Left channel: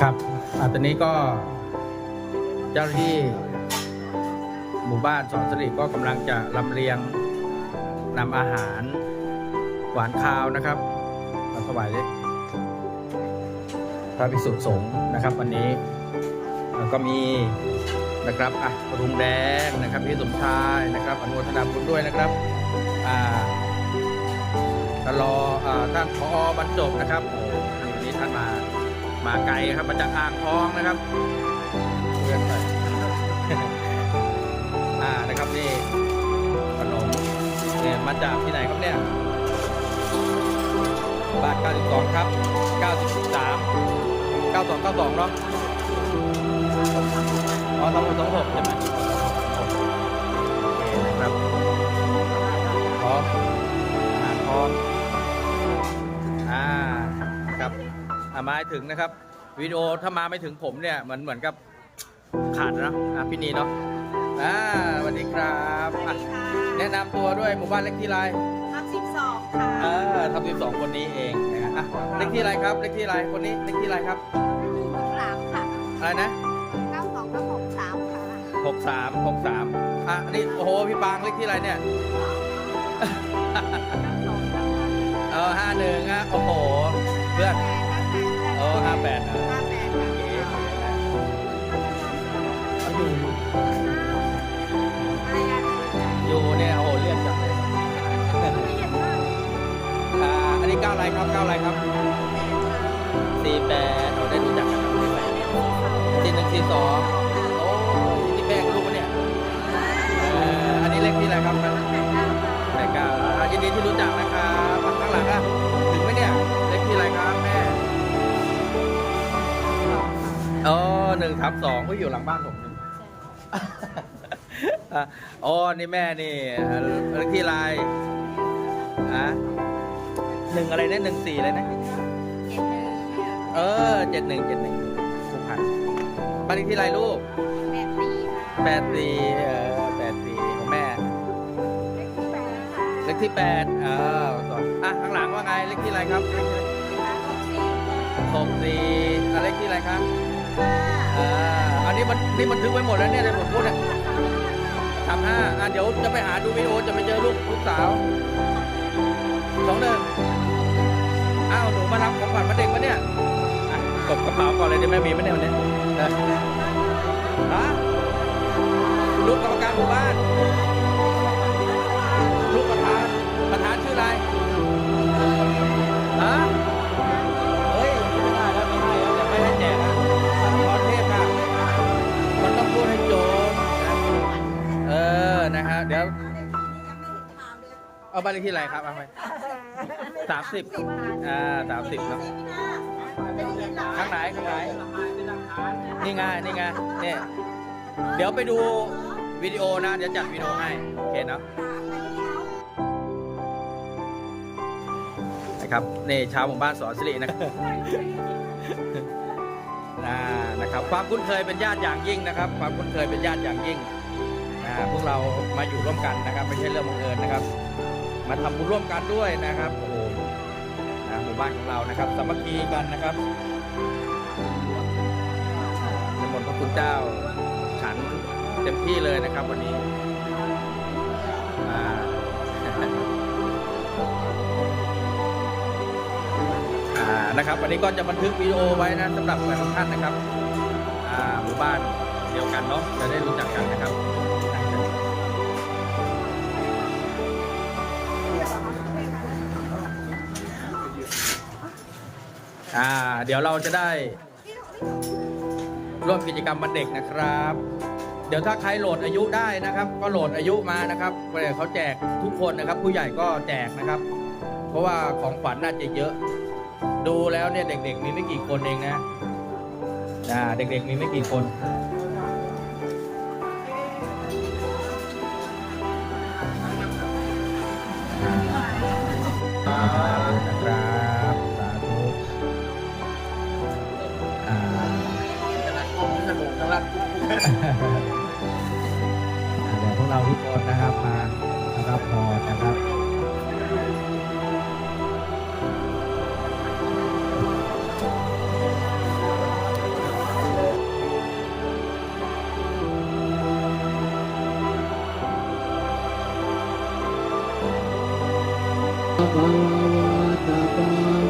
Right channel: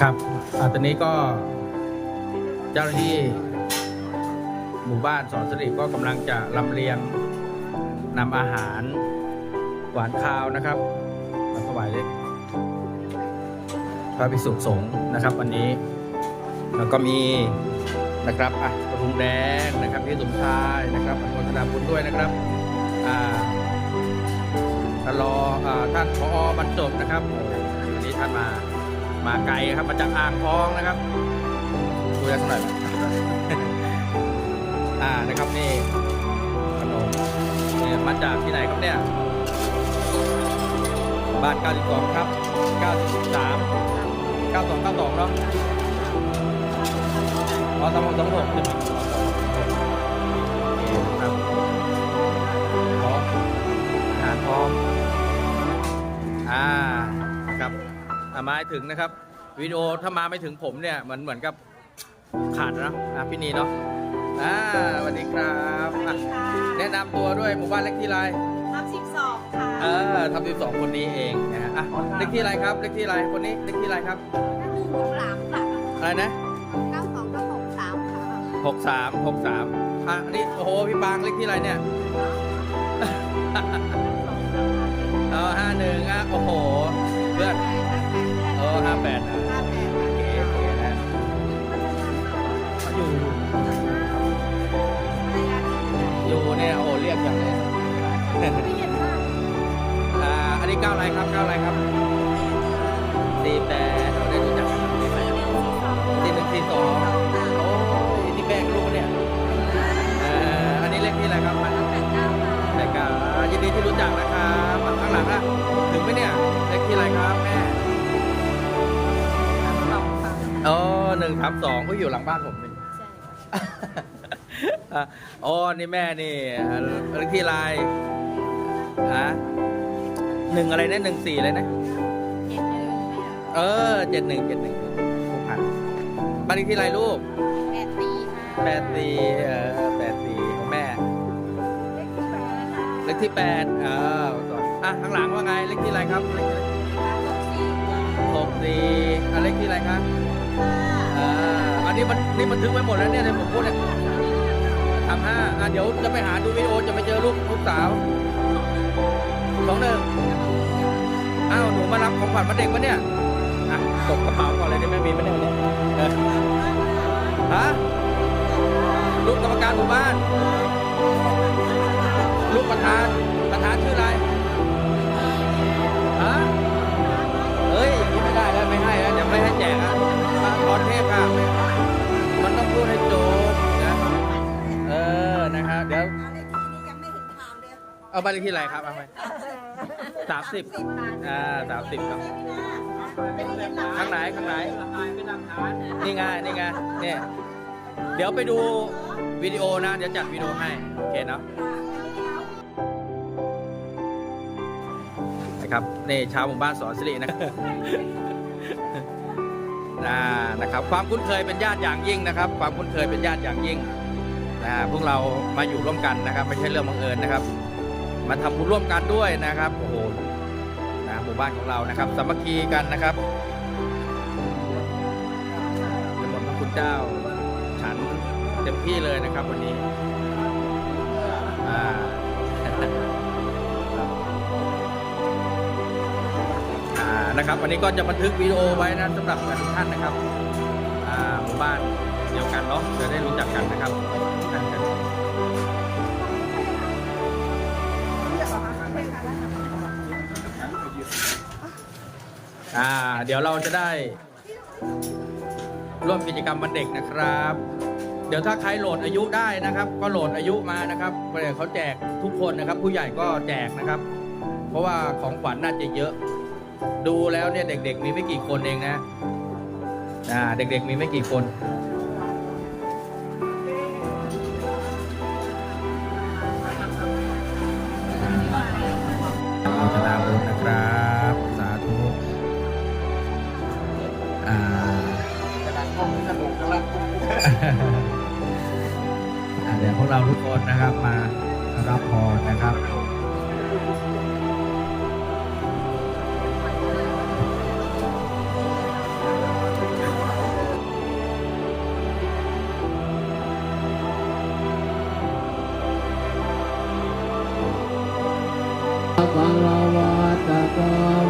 ครับอ่าตอนนี้ก็เจ้าหน้าที่หมู่บ้านสอนสริก็กำลังจะลำเลียงนำอาหารหวานคาวนะครับมาถวายพระภิกษุสงฆ์นะครับ วันนี้แล้วก็มีนะครับอะรุงแดงนะครับพี่สมชายนะครับอนุโมทนาบุญด้วยนะครับอ่าท่านรออ่าท่านพอบรรจบนะครับโอ้วันนี้ท่านมา มาไกลครับมาจากอ่างทองนะครับคุยกันหน่อยอ่านะครับนี่ขนมเนี่ยมาจากที่ไหนครับเนี่ยบ้าน92ครับ93 92 92เนาะอ๋อสองหกสองหกใช่ไหมามาให้ถึงนะครับวิดีโอถ้ามาไม่ถึงผมเนี่ยเหมือนเหมือนกับขาดนะอะพี่นีเนาะอ่าสวัสดีครับอะแนะนำตัวด้วยหมู่บ้านเล็กที่ไรทับสิบสองค่ะเออทำสิบสองคนนี้เองนะฮะอะเล็กที่ไรครับเล็กที่ไรคนนี้เล็กที่ไรครับหกสามค่ะอะไรนะเก้าสองกับหกสามค่ะหกสามหกสามอะอันนี้โอ้โหพี่ปางเล็กที่ไรเนี่ยเออห้าหนึ่งอะโอ้โหเพื่อนเออห้าแปดอะห้าแปดค่ะเก๋เก๋นะเอาอยู่อยู่อยู่เนี่ยโอ้โหเรียกจังเลยอ่าอันนี้ก้าวอะไรครับก้าวอะไรครับสี่แปดเราได้รู้จักกันไหมสี่หนึ่งสี่สองโอ้ยนี่แป้งลูกปะเนี่ยเอ่ออันนี้เลขที่อะไรครับมันแต่ก้าวอ่ายินดีที่รู้จักนะครับอะข้างหลังอะถึงไหมเนี่ยเลขที่อะไรครับแม่ อ๋อหนึ่งสามสองก็อยู่หลังบ้านผมนี่อะอ๋อ นี่แม่นี่อ่าเลขที่อะไรอะหนึ่งอะไรนะหนึ่งสี่เลยนะเจ็ดหนึ่งเนี่ยเออเจ็ดหนึ่งเจ็ดหนึ่งผู้พันบ้านเลขที่ไรลูกแปดปีค่ะแปดสี่เออแปดสี่ของแม่เลขที่แปดค่ะเลขที่แปดเออสอนอะข้างหลังว่าไง เลขที่ไรครับ เลขที่อะไรหกสี่จ้าหกสี่อะเลขที่ไรครับค่ะ อ่าอันนี้มันนี่มันทึกไว้หมดแล้วเนี่ยที่ผมพูดเนี่ยทำห้าอะเดี๋ยวจะไปหาดูวิดีโอจะไปเจอลูกลูกสาวสองหนึ่งอ้าวหนูมารับของขวัญมาเด็กปะเนี่ยอะตบกระเป๋าก่อนเลยได้ไหมมีไหมเนี่ยวันเนี้ยเออฮะลูกกรรมการหมู่บ้านลูกประธานประธานชื่ออะไร เดี๋ยวเอาบ้านเลขที่อะไรครับเอาไปสามสิบอ่าสามสิบเนาะข้างไหนข้างไหนนี่ไงนี่ไงเนี่ยเดี๋ยวไปดูวิดีโอนะ เดี๋ยวจัดวิดีโอให้ โอเคเนาะนะครับนี่ชาวหมู่บ้านสอนสิรินะครับนะนะครับ ความคุ้นเคยเป็นญาติอย่างยิ่งนะครับ ความคุ้นเคยเป็นญาติอย่างยิ่ง นะพวกเรามาอยู่ร่วมกันนะครับ ไม่ใช่เรื่องบังเอิญนะครับ มาทำบุญร่วมกันด้วยนะครับโอ้โหนะหมู่บ้านของเรานะครับสามัคคีกันนะครับนมนต์พระคุณเจ้า ฉันเต็มที่เลยนะครับ วันนี้อ่านะครับวันนี้ก็จะบันทึกวิดีโอไว้นะสำหรับทุกท่านนะครับหมู่บ้านเดียวกันเนาะจะได้รู้จักกันนะครับ อ่า เดี๋ยวเราจะได้ ร่วมกิจกรรมวันเด็กนะครับ เดี๋ยวถ้าใครโหลดอายุได้นะครับ ก็โหลดอายุมานะครับเดี๋ยวเขาแจกทุกคนนะครับ ผู้ใหญ่ก็แจกนะครับ เพราะว่าของขวัญน่าจะเยอะ ดูแล้วเนี่ยเด็ก ๆ มีไม่กี่คนเองนะอ่าเด็ก ๆ มีไม่กี่คน เดี๋ยวพวกเราทุกคนนะครับมารับพรนะครับภะะวะโต